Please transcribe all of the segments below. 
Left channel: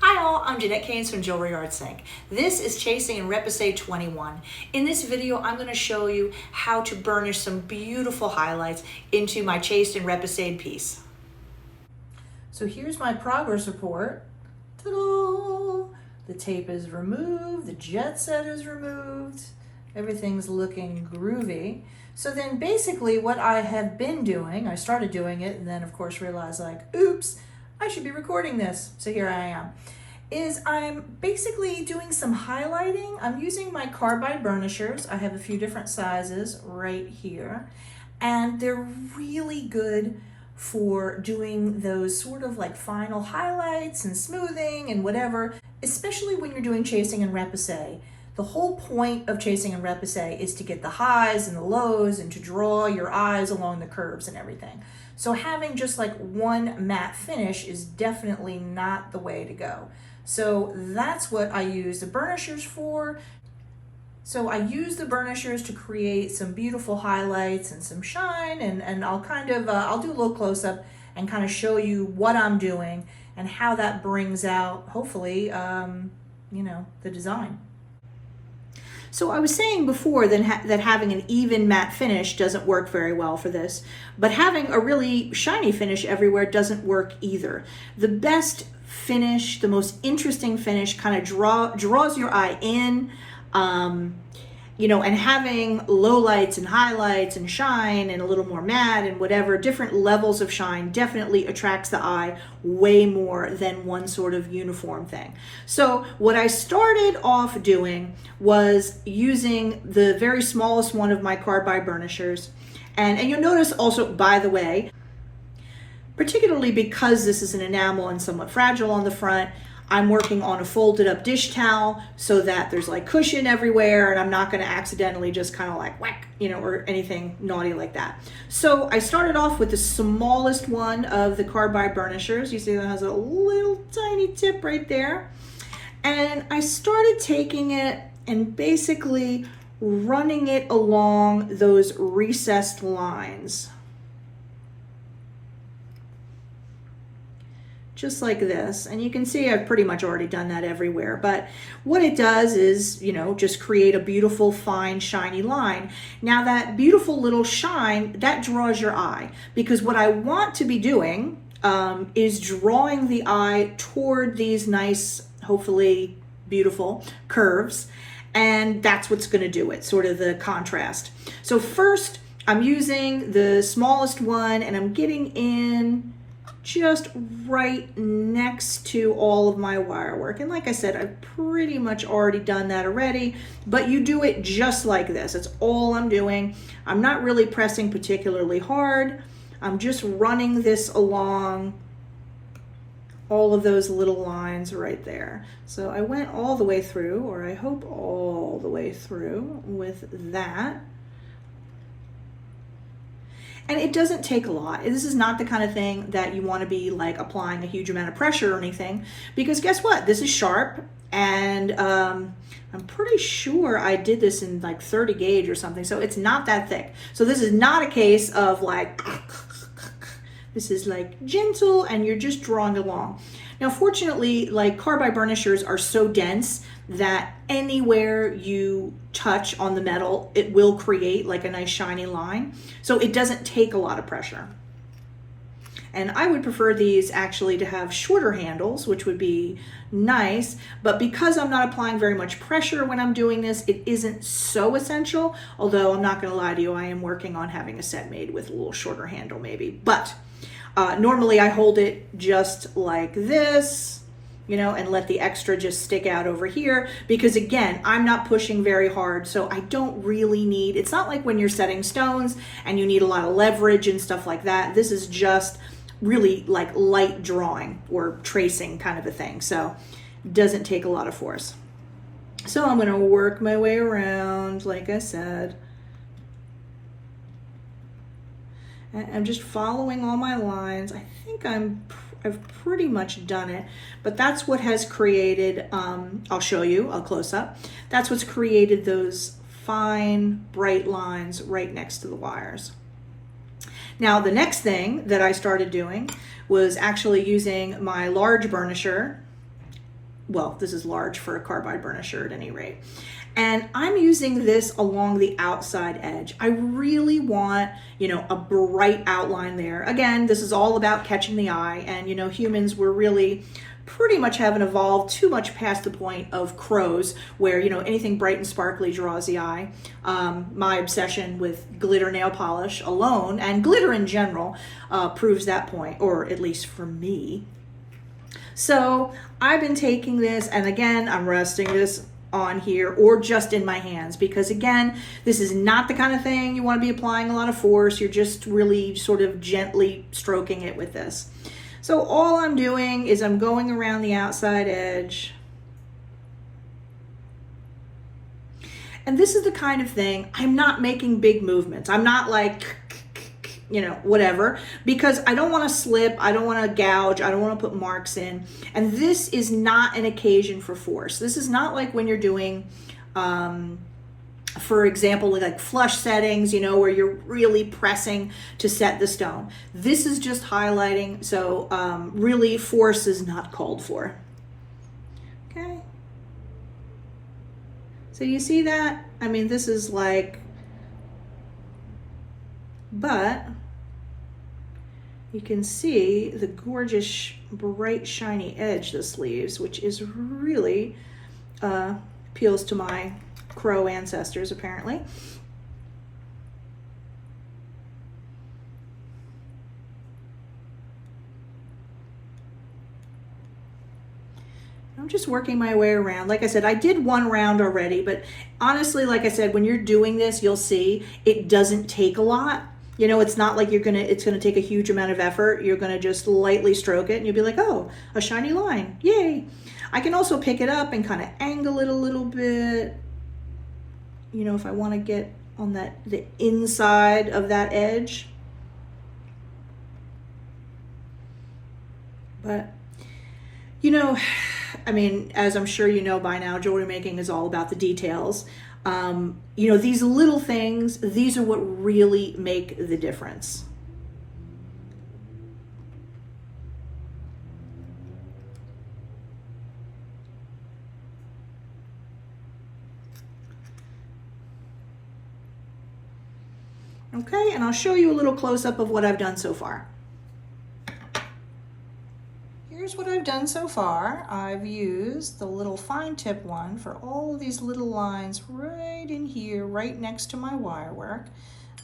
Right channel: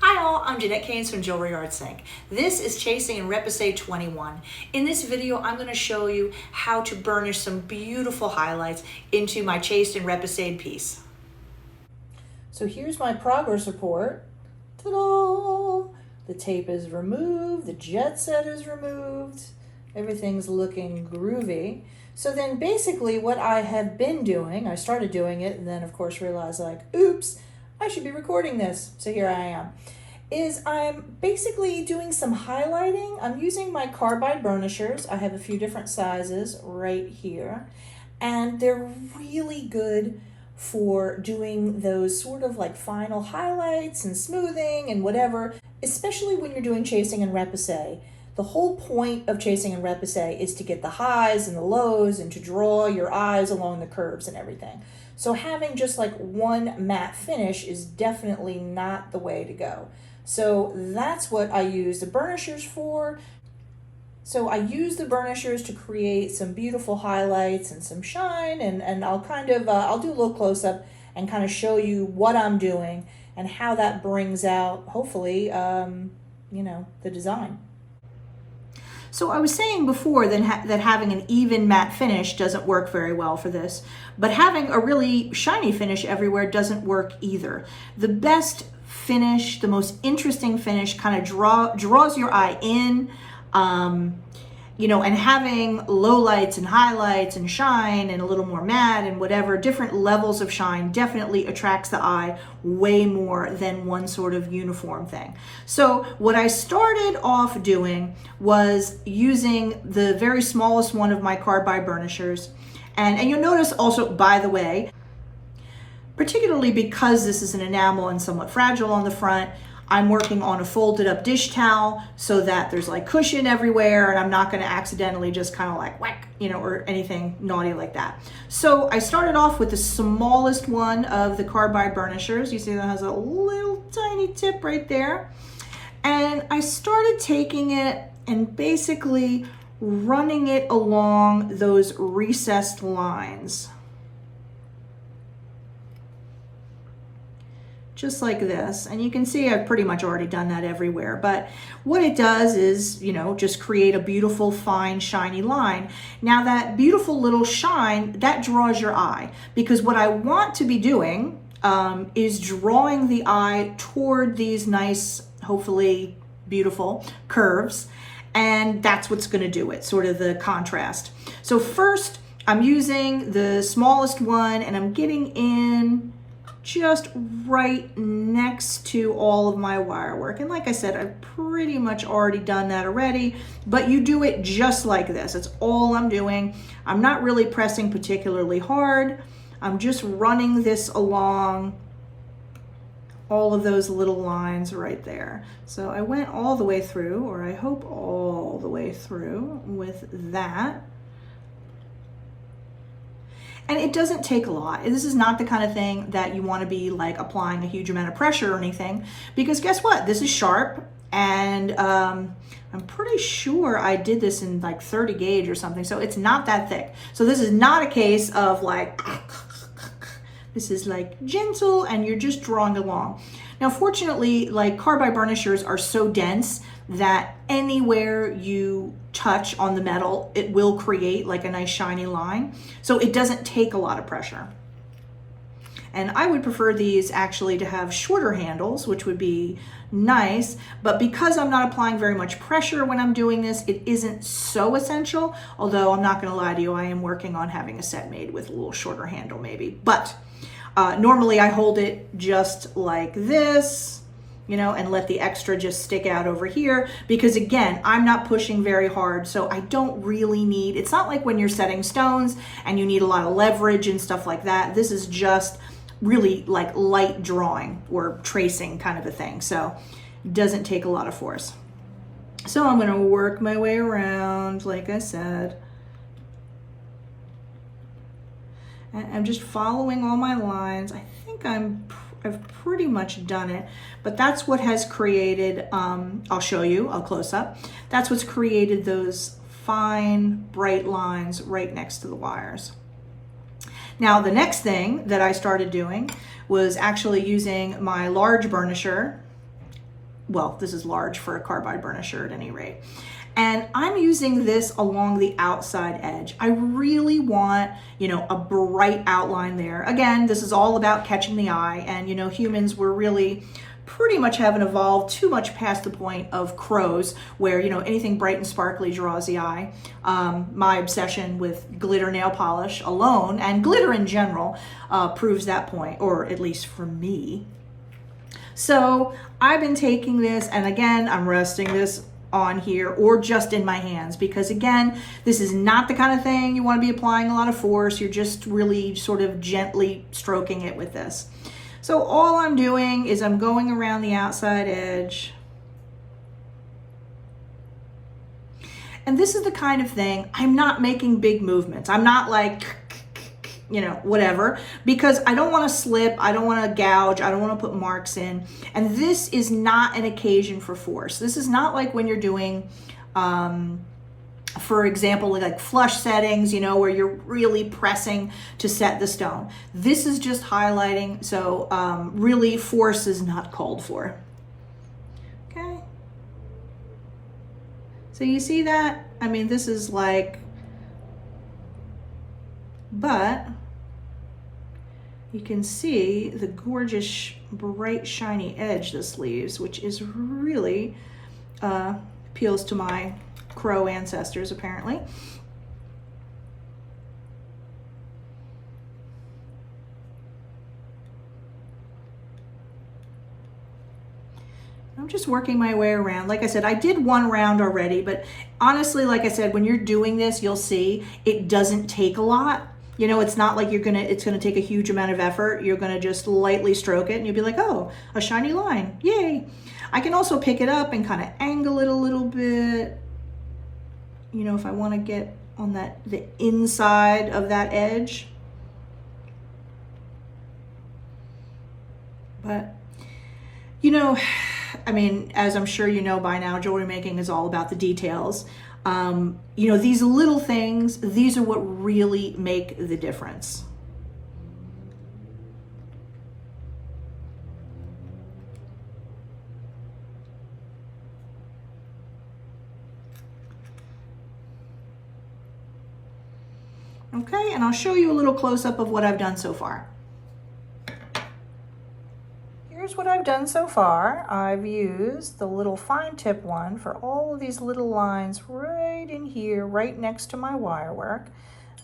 Hi all, I'm Jeanette Keynes from Jewelry Arts Inc. This is Chasing in Repousse 21. In this video, I'm going to show you how to burnish some beautiful highlights into my chased and repoussed piece. So here's my progress report. Ta-da! The tape is removed, the jet set is removed, everything's looking groovy. So then basically what I have been doing, I started doing it and then of course realized like, oops, I should be recording this. So here I am. Is I'm basically doing some highlighting. I'm using my carbide burnishers. I have a few different sizes right here. And they're really good for doing those sort of like final highlights and smoothing and whatever, especially when you're doing chasing and repousse. The whole point of chasing and repousse is to get the highs and the lows and to draw your eyes along the curves and everything. So having just like one matte finish is definitely not the way to go. So that's what I use the burnishers for. So I use the burnishers to create some beautiful highlights and some shine, and I'll kind of, I'll do a little close-up and kind of show you what I'm doing and how that brings out, hopefully, you know, the design. So I was saying before that having an even matte finish doesn't work very well for this, but having a really shiny finish everywhere doesn't work either. The best finish, the most interesting finish kind of draws your eye in, you know, and having lowlights and highlights and shine and a little more matte and whatever, different levels of shine definitely attracts the eye way more than one sort of uniform thing. So what I started off doing was using the very smallest one of my carbide burnishers. And you'll notice also, by the way, particularly because this is an enamel and somewhat fragile on the front, I'm working on a folded up dish towel so that there's like cushion everywhere and I'm not going to accidentally just kind of like whack, you know, or anything naughty like that. So I started off with the smallest one of the carbide burnishers. You see that has a little tiny tip right there. And I started taking it and basically running it along those recessed lines. Just like this. And you can see I've pretty much already done that everywhere. But what it does is, you know, just create a beautiful, fine, shiny line. Now that beautiful little shine, that draws your eye. Because what I want to be doing is drawing the eye toward these nice, hopefully beautiful curves. And that's what's going to do it, sort of the contrast. So first, I'm using the smallest one and I'm getting in just right next to all of my wire work. And like I said, I've pretty much already done that already, but you do it just like this. That's all I'm doing. I'm not really pressing particularly hard. I'm just running this along all of those little lines right there. So I went all the way through, or I hope all the way through with that. And it doesn't take a lot. This is not the kind of thing that you want to be like applying a huge amount of pressure or anything, because guess what? This is sharp, and I'm pretty sure I did this in like 30 gauge or something, so it's not that thick. So this is not a case of like, this is like gentle and you're just drawing along. Now, fortunately, like carbide burnishers are so dense that anywhere you touch on the metal, it will create like a nice shiny line. So it doesn't take a lot of pressure. And I would prefer these actually to have shorter handles, which would be nice. But because I'm not applying very much pressure when I'm doing this, it isn't so essential. Although I'm not going to lie to you, I am working on having a set made with a little shorter handle maybe. But normally I hold it just like this, you know, and let the extra just stick out over here, because again, I'm not pushing very hard, so I don't really need, it's not like when you're setting stones and you need a lot of leverage and stuff like that. This is just really like light drawing or tracing kind of a thing, so it doesn't take a lot of force. So I'm going to work my way around, like I said. And I'm just following all my lines. I think I've pretty much done it, but that's what has created, I'll show you a close-up. That's what's created those fine, bright lines right next to the wires. Now, the next thing that I started doing was actually using my large burnisher well, this is large for a carbide burnisher at any rate. And I'm using this along the outside edge. I really want, you know, a bright outline there. Again, this is all about catching the eye, and, you know, humans were really pretty much haven't evolved too much past the point of crows, where, you know, anything bright and sparkly draws the eye. My obsession with glitter nail polish alone, and glitter in general, proves that point, or at least for me. So I've been taking this, and again, I'm resting this on here or just in my hands, because again, this is not the kind of thing you want to be applying a lot of force. You're just really sort of gently stroking it with this. So all I'm doing is I'm going around the outside edge. And this is the kind of thing, I'm not making big movements. I'm not like, you know, whatever, because I don't want to slip, I don't want to gouge, I don't want to put marks in. And this is not an occasion for force. This is not like when you're doing, for example, like flush settings, you know, where you're really pressing to set the stone. This is just highlighting, so really force is not called for. Okay. So you see that? I mean, this is like, but you can see the gorgeous, bright, shiny edge this leaves, which is really appeals to my crow ancestors, apparently. I'm just working my way around. Like I said, I did one round already, but honestly, like I said, when you're doing this, you'll see it doesn't take a lot. You know, it's not like it's gonna take a huge amount of effort. You're gonna just lightly stroke it and you'll be like, oh, a shiny line, yay. I can also pick it up and kind of angle it a little bit. You know, if I wanna get on the inside of that edge. But, you know, I mean, as I'm sure you know by now, jewelry making is all about the details. You know, these little things, these are what really make the difference. Okay, and I'll show you a little close-up of what I've done so far. Here's what I've done so far. I've used the little fine tip one for all of these little lines right in here, right next to my wire work.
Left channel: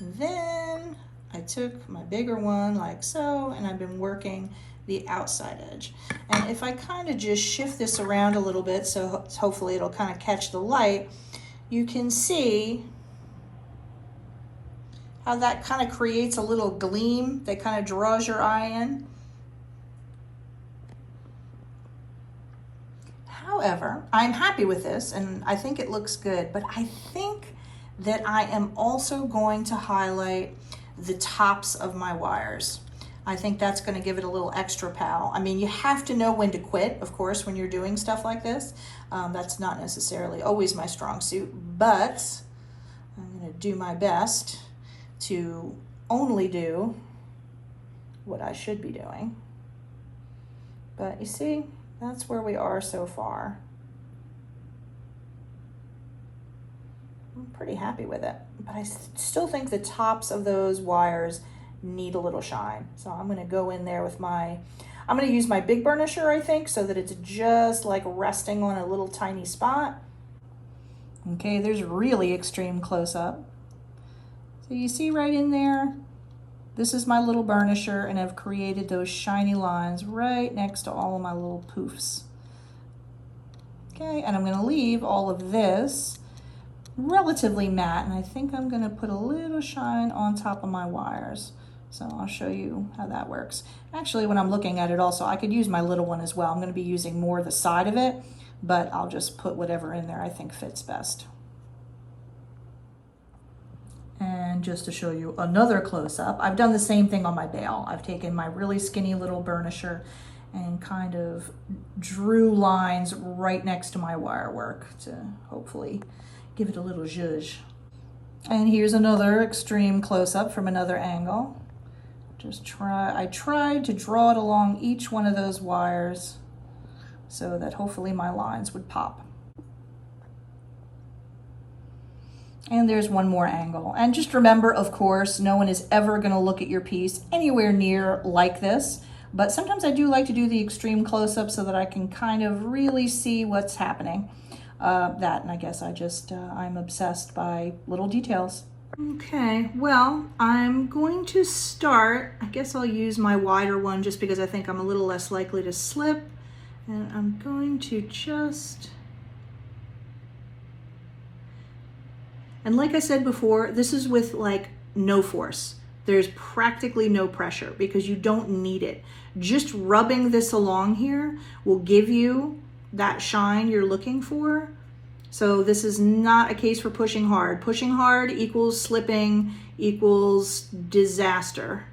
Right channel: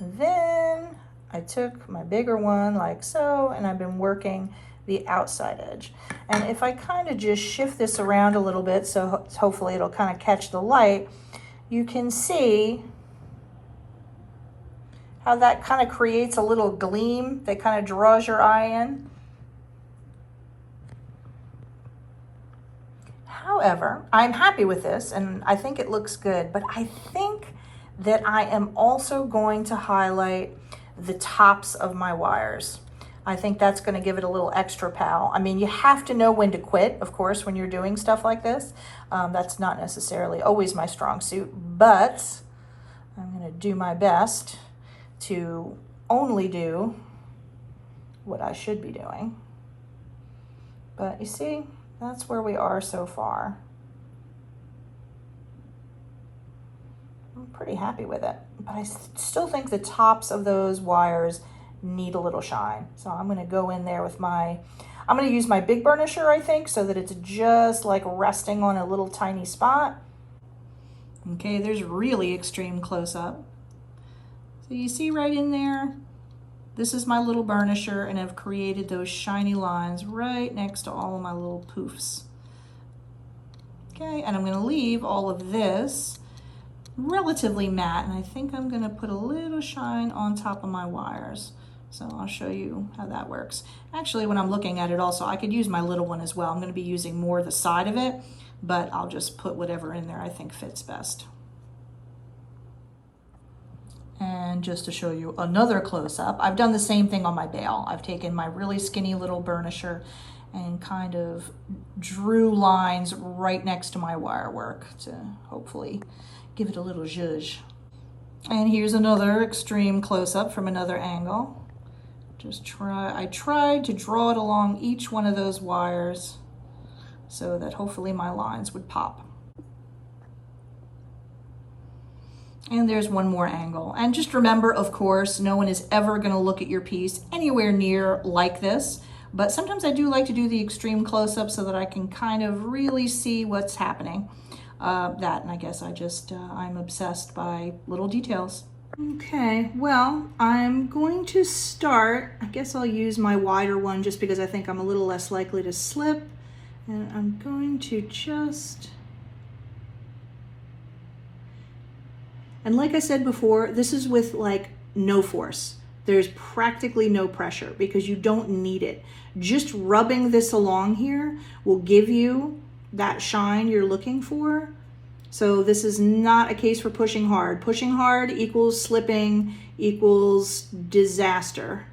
Then I took my bigger one like so, and I've been working the outside edge. And if I kind of just shift this around a little bit, so hopefully it'll kind of catch the light, you can see how that kind of creates a little gleam that kind of draws your eye in. However, I'm happy with this and I think it looks good, but I think that I am also going to highlight the tops of my wires. I think that's going to give it a little extra pow. I mean, you have to know when to quit, of course, when you're doing stuff like this. That's not necessarily always my strong suit, but I'm going to do my best to only do what I should be doing. But you see, that's where we are so far. I'm pretty happy with it, but I still think the tops of those wires need a little shine. So I'm gonna go in there with I'm gonna use my big burnisher, I think, so that it's just like resting on a little tiny spot. Okay, there's really extreme close-up. So you see right in there, this is my little burnisher, and I've created those shiny lines right next to all of my little poofs. Okay, and I'm gonna leave all of this relatively matte, and I think I'm gonna put a little shine on top of my wires. So I'll show you how that works. Actually, when I'm looking at it also, I could use my little one as well. I'm gonna be using more the side of it, but I'll just put whatever in there I think fits best. And just to show you another close-up, I've done the same thing on my bail. I've taken my really skinny little burnisher and kind of drew lines right next to my wire work to hopefully give it a little zhuzh. And here's another extreme close-up from another angle. I tried to draw it along each one of those wires so that hopefully my lines would pop. And there's one more angle. And just remember, of course, no one is ever going to look at your piece anywhere near like this. But sometimes I do like to do the extreme close-up so that I can kind of really see what's happening. And I guess I'm obsessed by little details. Okay, well, I'm going to start. I guess I'll use my wider one just because I think I'm a little less likely to slip. And I'm going to just... And like I said before, this is with like no force. There's practically no pressure because you don't need it. Just rubbing this along here will give you that shine you're looking for. So this is not a case for pushing hard. Pushing hard equals slipping equals disaster.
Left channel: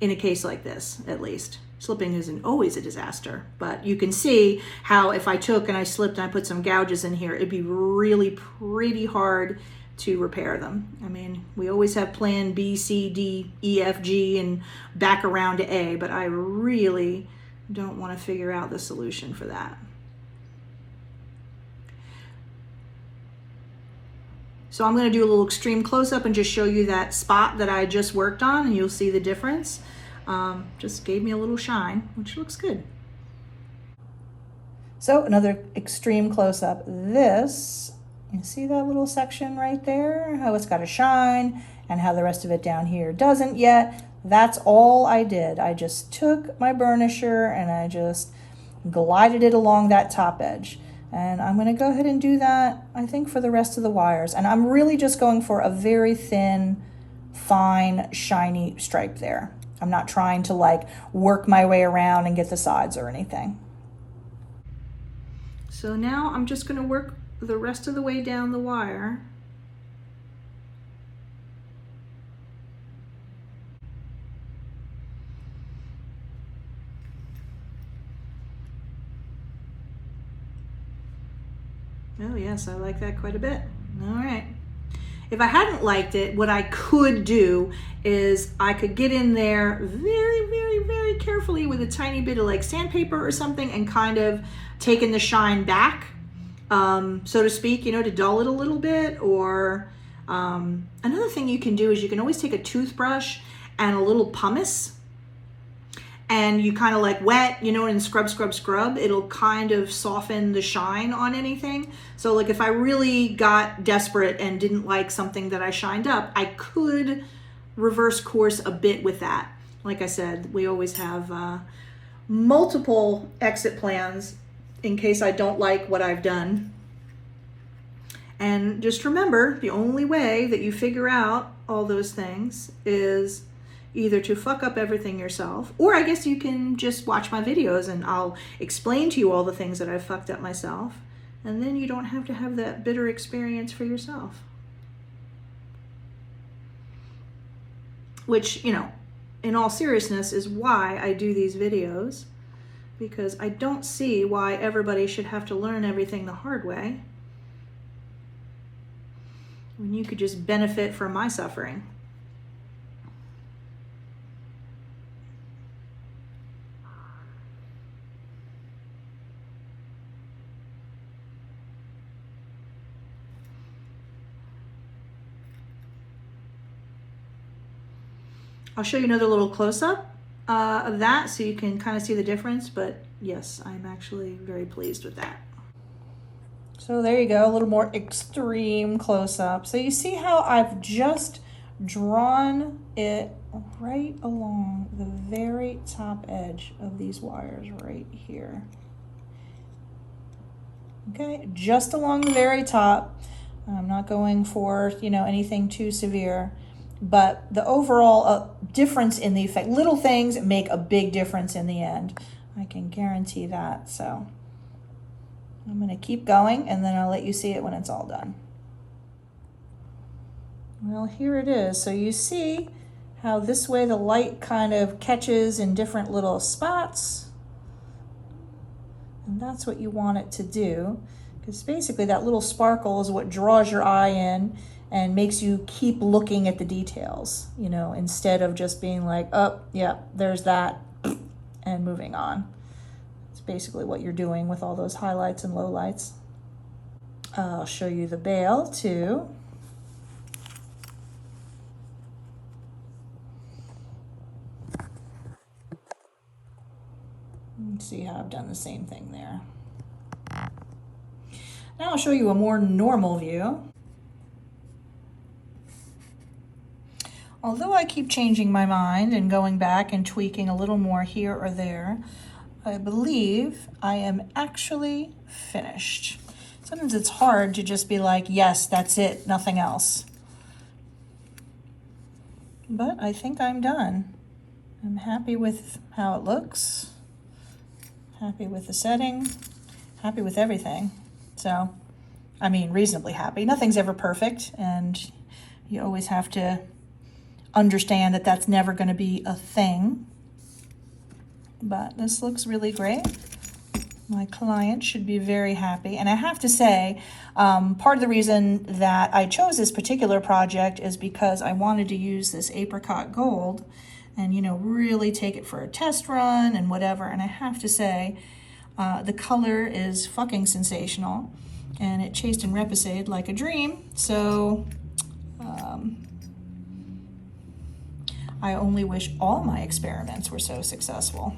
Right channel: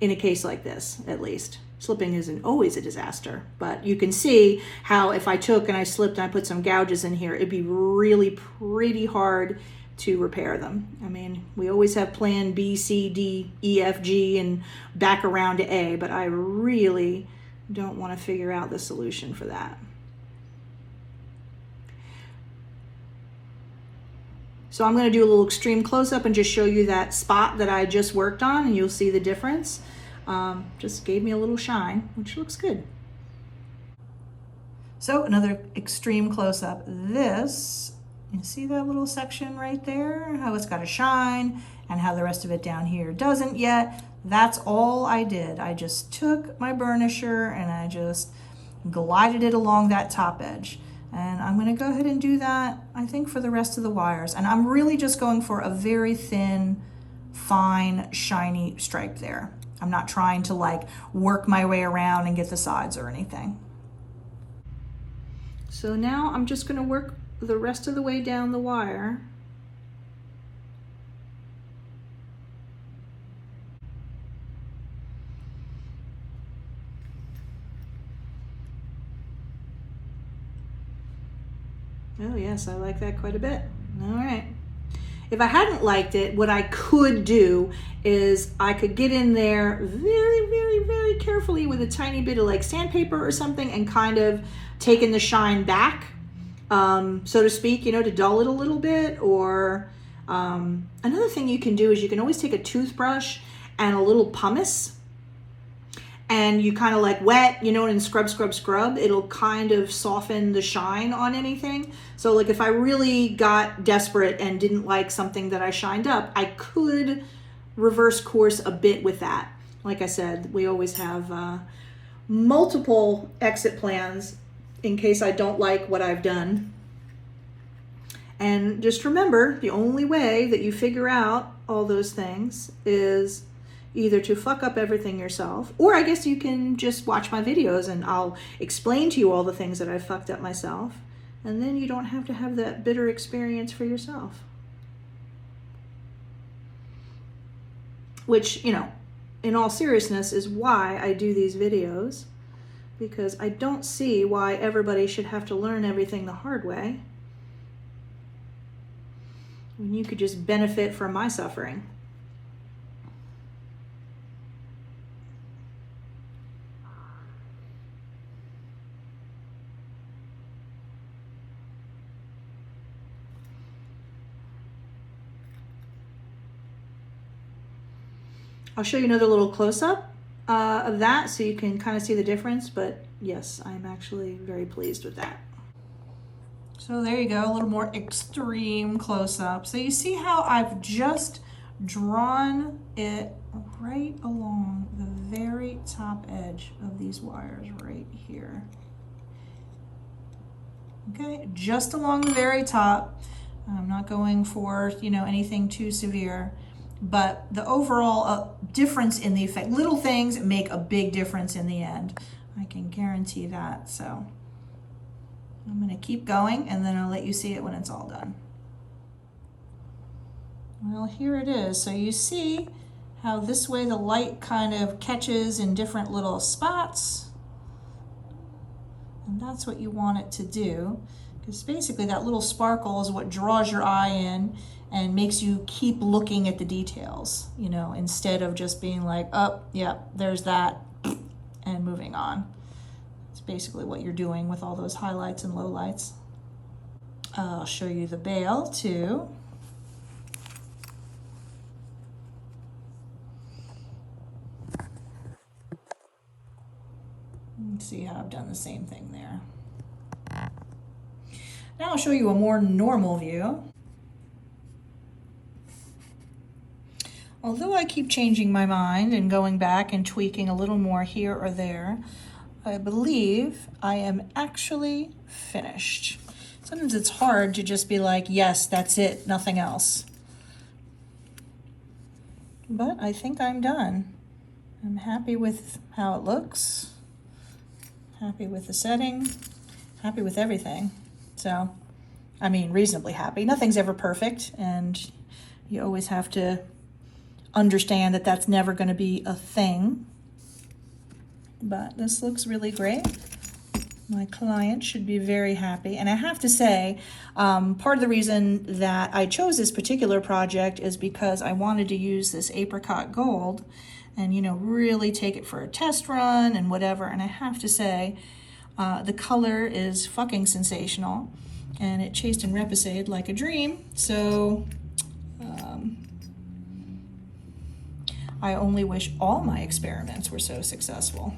In a case like this, at least. Slipping isn't always a disaster, but you can see how if I took and I slipped and I put some gouges in here, it'd be really pretty hard to repair them. I mean, we always have plan B, C, D, E, F, G, and back around to A, but I really don't want to figure out the solution for that. So I'm going to do a little extreme close-up and just show you that spot that I just worked on, and you'll see the difference. Just gave me a little shine, which looks good. So another extreme close-up. This, you see that little section right there? How it's got a shine and how the rest of it down here doesn't yet. That's all I did. I just took my burnisher and I just glided it along that top edge. And I'm going to go ahead and do that, I think, for the rest of the wires. And I'm really just going for a very thin, fine, shiny stripe there. I'm not trying to like work my way around and get the sides or anything. So now I'm just going to work the rest of the way down the wire. Oh yes, I like that quite a bit. All right. If I hadn't liked it, what I could do is I could get in there very carefully with a tiny bit of like sandpaper or something and kind of taking the shine back, so to speak, you know, to dull it a little bit. Or another thing you can do is you can always take a toothbrush and a little pumice and you kind of like wet, you know, and scrub. It'll kind of soften the shine on anything. So like if I really got desperate and didn't like something that I shined up, I could reverse course a bit with that. Like I said, we always have multiple exit plans in case I don't like what I've done. And just remember, the only way that you figure out all those things is either to fuck up everything yourself, or I guess you can just watch my videos and I'll explain to you all the things that I've fucked up myself, and then you don't have to have that bitter experience for yourself. Which, you know, in all seriousness is why I do these videos, because I don't see why everybody should have to learn everything the hard way when you could just benefit from my suffering. I'll show you another little close-up of that so you can kind of see the difference, but yes, I'm actually very pleased with that. So there you go, a little more extreme close-up. So you see how I've just drawn it right along the very top edge of these wires right here. Okay, just along the very top. I'm not going for, you know, anything too severe. But the overall difference in the effect, little things make a big difference in the end. I can guarantee that. So I'm going to keep going and then I'll let you see it when it's all done. Well, here it is. So you see how this way the light kind of catches in different little spots. And that's what you want it to do, because basically that little sparkle is what draws your eye in and makes you keep looking at the details, you know, instead of just being like, oh, yeah, there's that, and moving on. It's basically what you're doing with all those highlights and lowlights. I'll show you the bail too. Let's see how I've done the same thing there. Now I'll show you a more normal view. Although I keep changing my mind and going back and tweaking a little more here or there, I believe I am actually finished. Sometimes it's hard to just be like, yes, that's it, nothing else. But I think I'm done. I'm happy with how it looks, happy with the setting, happy with everything. So, I mean, reasonably happy. Nothing's ever perfect, and you always have to understand that that's never going to be a thing. But this looks really great. My client should be very happy. And I have to say, part of the reason that I chose this particular project is because I wanted to use this apricot gold and, you know, really take it for a test run and whatever. And I have to say, the color is fucking sensational, and it chased and repoussed like a dream. So I only wish all my experiments were so successful.